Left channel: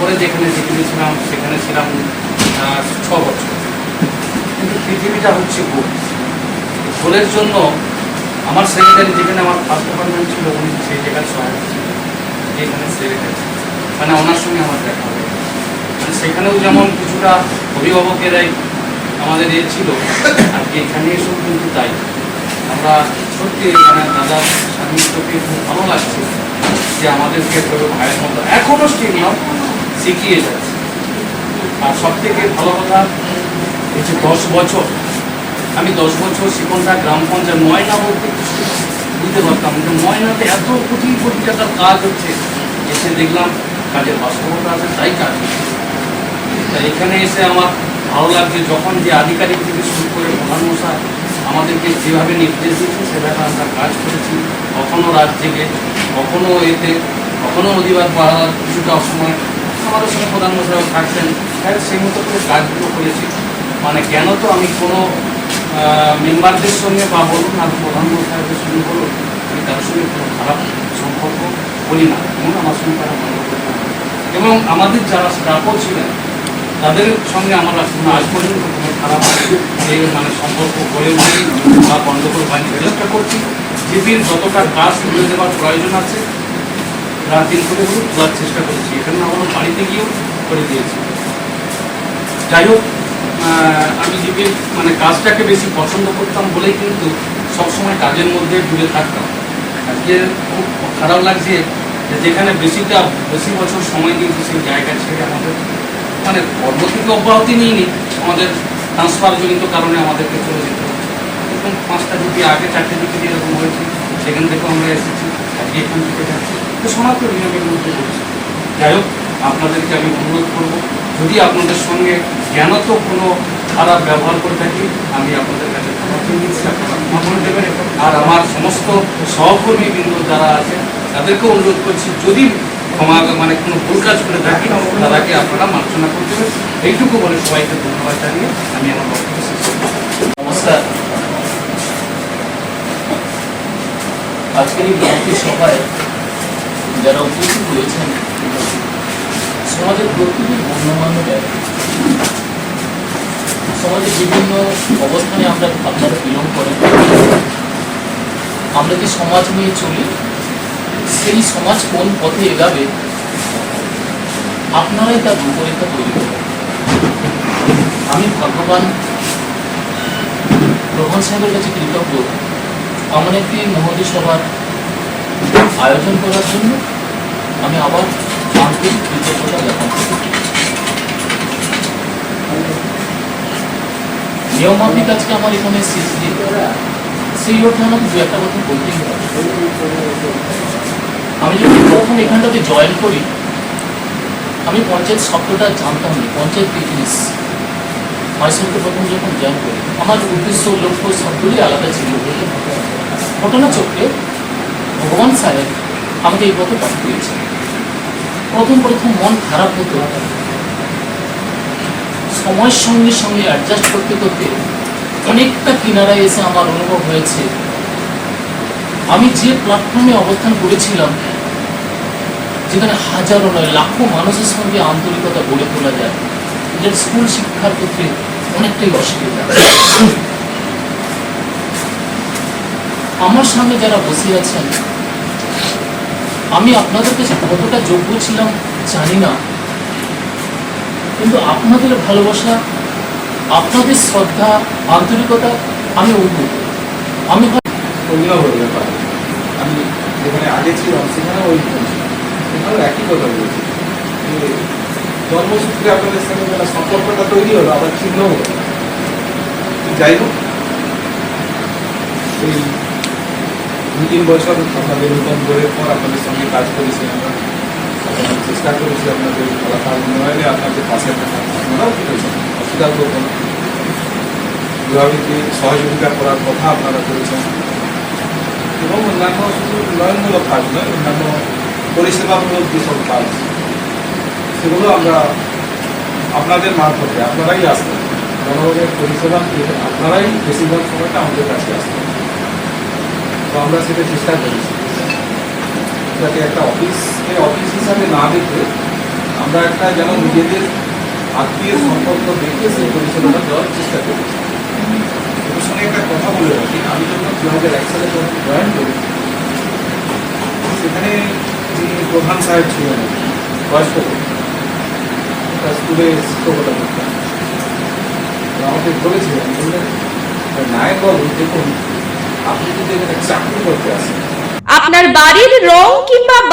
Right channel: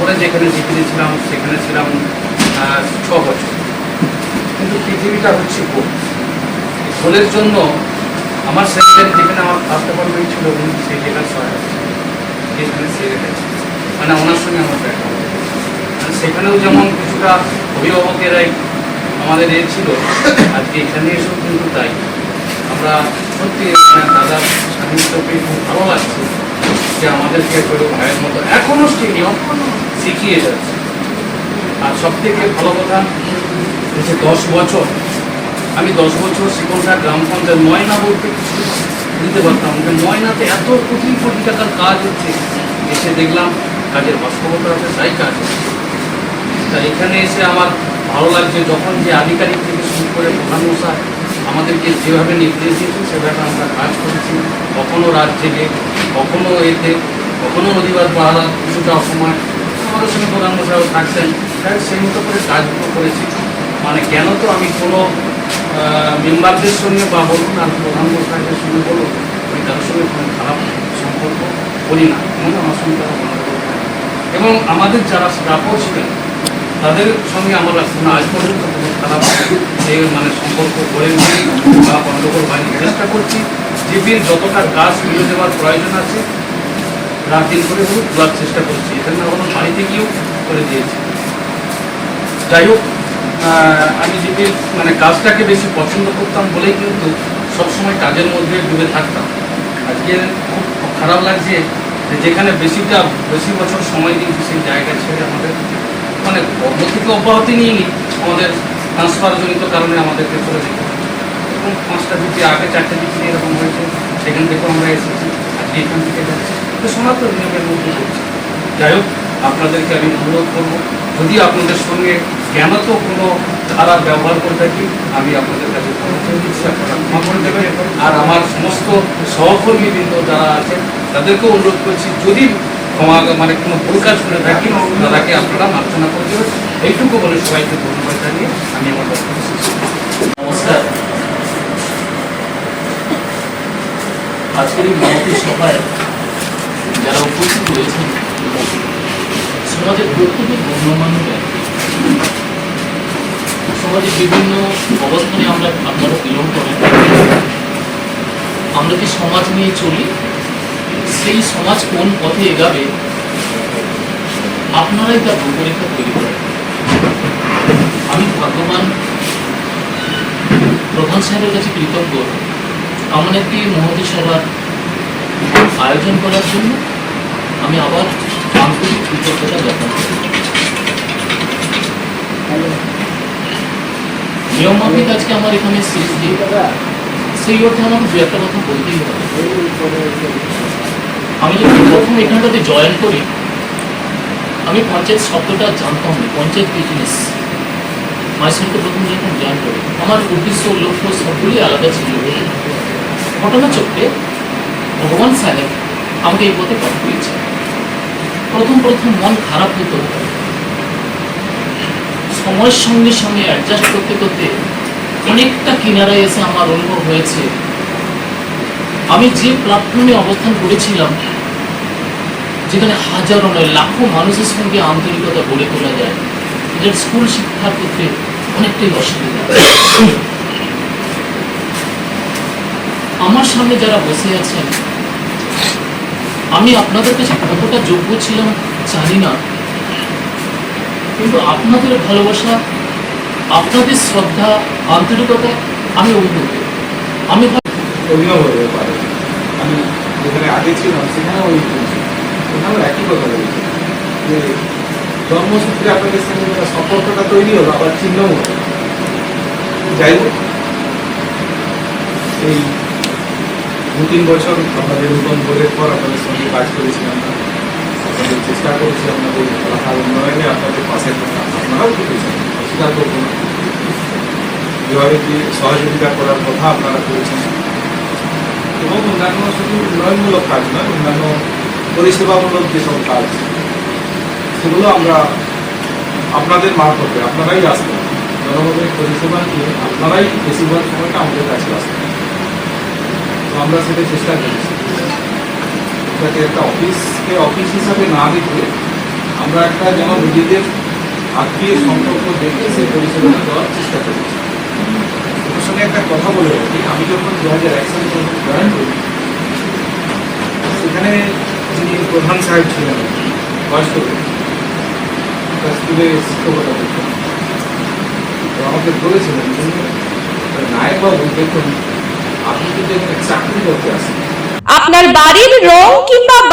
তারপরে যেখানে যেখানে ছিলাম সেখানে ছিলাম ছ বছর। কিন্তু পৃথিবীটা হচ্ছে গোল গোলের জন্য আমার সেক্রেটারি যেখানে আমার ফার্স্ট অ্যাপয়েন্টমেন্ট ছিল, উনি সেই জায়গার সহায়ক সেক্রেটারি মানে ওনার সঙ্গে আমার দেখা মানে সেখানেও যেমন কিছুটা অভিভাবকেরাই আমাদের এ ছিল আজকে এখানে এসেও কিন্তু তাই। আমরা সত্যি মানে দাদার সান্নিধ্যকে খুব ভালো লাগছে যে আমাদেরকে ভাইয়ের মতো এখনও সেই নিয়ম শিখিয়ে যাচ্ছে আর সব থেকে ভালো কথা হচ্ছে দশ বছর, আমি দশ বছর শিকনটা গ্রাম পঞ্চায়েত ময়না বলতে বুঝতে পারতাম যে ময়নাতে এত কোটি কোটি টাকার কাজ হচ্ছে। এসে দেখলাম কাজের বাস্তবতা আছে, তাই কাজ তা এখানে এসে আমার ভালো লাগছে যখন যে আধিকারিক থেকে শুরু করে প্রধান মশাই আমাদেরকে যেভাবে নির্দেশ দিয়েছে সেভাবে আমরা কাজ করেছি। কখনো রাত জেগে কখনো এতে, কখনো অধিবাদ পাহারা কিছুটা অসময় আমাদের সঙ্গে থাকছেন। তাই সেই মতো করে কাজগুলো করেছি। মানে কেন তো আমি কোনো মেম্বারদের সঙ্গে বা বলুন আর প্রধান মশাইদের সঙ্গে বলুন, আমি তাদের সঙ্গে কোনো খারাপ সম্পর্ক করি না। আমার সঙ্গে এবং আমাদের যারা স্টাফও ছিলেন, তাদের সঙ্গে আমরা কোনো আজ পর্যন্ত কোনো খারাপ মানে সম্পর্ক গড়ে উঠে বা গণ্ডগোল হয়নি। চেষ্টা করছি, জিপির যতটা কাজ ফিরে দেওয়ার প্রয়োজন আছে রাত দিন করে দেওয়ার চেষ্টা করছি। এখানে আমরা বাড়িতে গিয়েও করে দিয়েছি। যাই হোক আমি জিপির মানে কাজটাকে বেশি পছন্দ করতাম বলেই কিন্তু সবসময় কাজের মধ্যে ডুবে থাকতাম। আজকে খুব খারাপ লাগছে যেখানে বেশিটা, বেশি বছর সময় দিয়েছি সেই জায়গা ছেড়ে আমাদের মানে কর্ম থেকে অব্যাহতি নিইনি, আমাদের ট্রান্সফারজনিত কারণে আমাদেরকে চলে যেতে হচ্ছে। এবং পাঁচটা ডিগ্রি আগে, চারটে দিকে এরকম হয়েছে, সেখান থেকেও আমরা এসেছি আজকে এখান থেকে যাচ্ছি। সনাতন নিয়মের মধ্যে করছি যাই হোক, আপনাদেরকে আমি অনুরোধ করব, যদি আপনাদের সঙ্গে কেন তো কোনো খারাপ ব্যবহার করে থাকি, আমি আপনাদের কাছে ক্ষমা দেবেন। আর আমার সমস্ত সহকর্মীবৃন্দ যারা আছে তাদেরকেও অনুরোধ করছি, যদি ক্ষমা মানে কোনো ভুল কাজ করে থাকি, তাদেরকে আপনারা মার্জনা করে দেবেন। এইটুকু বলে সবাইকে ধন্যবাদ জানিয়ে আমি আমার নমস্কার। আজকের এই সভায় যারা উপস্থিত রয়েছেন, সমাজের প্রত্যেকটি গণ্যমান্য ব্যক্তি সমাজের বিভিন্ন অবস্থানে আমরা আপনারা বিলং করেন। আমরা যে সমাজ নিয়ে চলি? সেই সমাজ কোন পথে এগাবে? আপনারাই তার রূপরেখা তৈরি করেন। আমি ভাগ্যবান। প্রধান সাহেবের কাছে কৃতজ্ঞ। এমন একটি মহতী সভার আয়োজন করার জন্য আমি আবার আন্তরিক আজকে আমার এখানে সেই অর্থে আমাকে দু একটা কথা বলতেই হবে। আমি যখন প্রথম এখানটাতে জয়েন করি, আমি পঞ্চায়েত শব্দটা জানতাম না, পঞ্চায়েত বিজনেস মাঝখানে প্রথম যখন জয়েন করি, আমার উদ্দেশ্য, লক্ষ্য সবগুলি আলাদা ছিল ঘটনা চক্রে ভগবান সাহেব আমাকে এই পথে পথ দিয়েছে প্রথম প্রথম মন খারাপ হতো সময়ের সঙ্গে সঙ্গে অ্যাডজাস্ট করতে করতে অনেকটা কিনারায় এসে আমার অনুভব হয়েছে। আমি যে প্ল্যাটফর্মে অবস্থান করেছিলাম, যেখানে হাজারো নয়, লাখো মানুষের সঙ্গে আন্তরিকতা গড়ে তোলা যায়, এদের স্কুল শিক্ষার ক্ষেত্রে অনেকটাই অসুবিধা। আমার সামনে যারা বসে আছেন, আমি আপনাদের কাছে কতটা যোগ্য ছিলাম জানি না। কিন্তু আপনাদের ভালোবাসা, আপনাদের শ্রদ্ধা, আন্তরিকতা আমি অভিভূত আমি হতে আমি যেখানে আগে ছিলাম, সেখানেও ওই ওখানেও একই কথা বলছি। যে জন্মসূত্রে আপনাদের সঙ্গে মানে সম্পর্কটা তৈরি হলো, আবার চিহ্ন যাই হোক, এই দু তিন বছর আপনাদের নতুন বইয়ের পর আপনাদের সঙ্গে কাজ করেছি আপনাদের চেষ্টা করেছি আপনাদের কথা উন্নয়নে আপনাদের পাশে আপনারাও করেছেন অস্বীকার করব না। সহযোগিতা করার কথা আপনারা করেছেন? এবং অন্যান্য শুধু উন্নয়নমূলক কাজ নয়, অন্যান্য পরিষেবামূলক যেসব কাজ, সেগুলো আমরা আপনাদের মারফতে, আপনারাই আসবেন। জনগণের পরিষেবা আপনারাই বেশিরভাগ সময়টা আমাদের কাছে আসবেন। আমরা সেটা চেষ্টা করেছি। যাতে একটা অফিসকে অফিস হিসাবে না দেখে আমরা একটা যেমন নিজেদের আত্মীয় সম্পর্ক দেখে সেই পরিষেবাটা দেওয়ার চেষ্টা করি ওর সঙ্গে একটা কথা বলে রাখি। আমি যখন দু হাজার এক সালে যখন জয়েন করি সেখানে যিনি প্রধান সাহেব ছিলেন বয়স্ক একটা স্কুলে শিক্ষকতা আমাকে বলেছিলেন বললেন, নায়ক বাবু দেখুন আপনি কিন্তু এখানে চাকরি করতে আসেন। আপনার বাড়ির রং কিংবা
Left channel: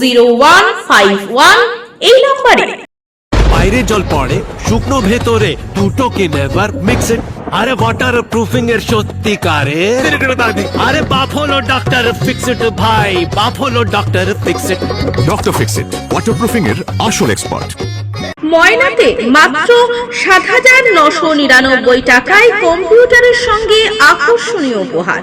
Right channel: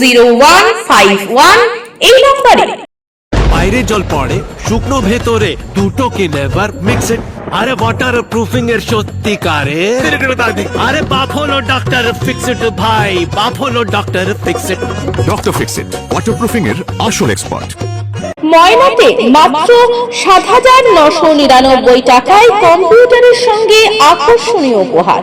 zero one five one এই নম্বরে। বাইরে জল পড়ে শুকনো ভেতরে দুটোকে নেভার মিক্স আরে ওয়াটার প্রুফিং এর সত্যিকারে? আরে বাপ হলো ডক্টর ফিক্স ইট ভাই বাপ হলো doctor fix it doctor fix it waterproofing এর আসল এক্সপার্ট ময়নাতে মাত্র সাত হাজার নশো নিরানব্বই টাকায় কম্পিউটারের সঙ্গে আকর্ষণীয় উপহার।